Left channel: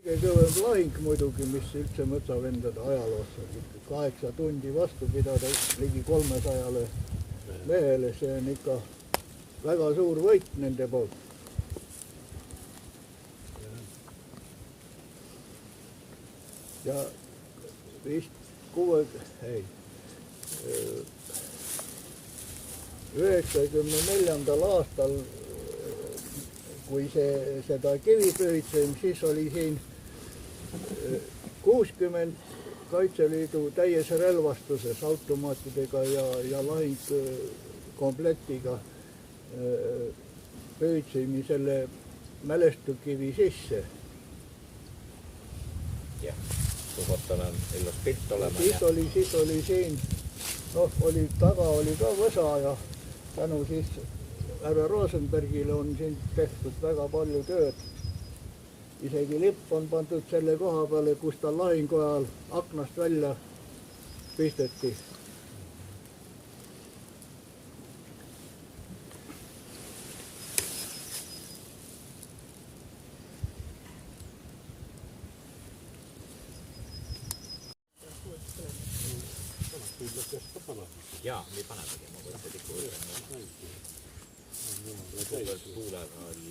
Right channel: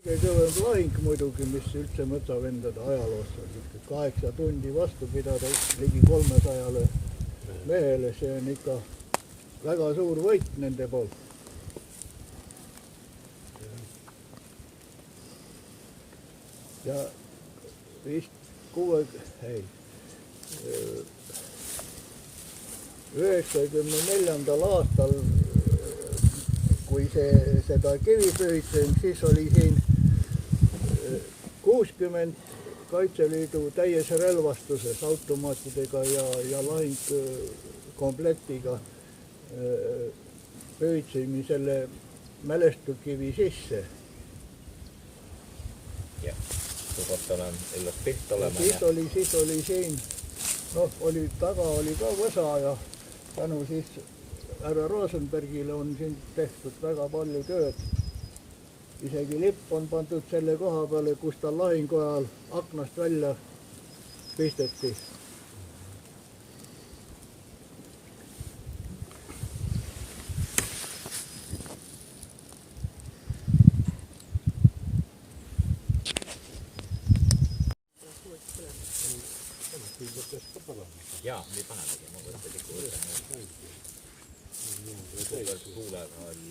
Kõige kõvem lahing muidugi, mis üldse mõtsavendade ajaloos oli. 8 tundi vastu pidada ligi 300 mehele, see on ikka väga suur võit nende poolt. Ja vist 94. aastal, kui seda kivi pööritsen, siis oli siin 60 Kaitseliidu täies relvastuses automaatidega ja lahingkomplektiga pööritsime selle mälestukivi sisse. Jah, kui kohtal on illas piht olema. Siis oli siin, taga oli ka võsa ja tänu siis härra Rosenbergile on siin tehtud väga palju tööd. Isegi lipp on pandud selle koha peale, kus ta lahingu ajal aknast välja pisteti. Jaa, nii panedagi. Ma võtta tükki võtta. Tuulega oli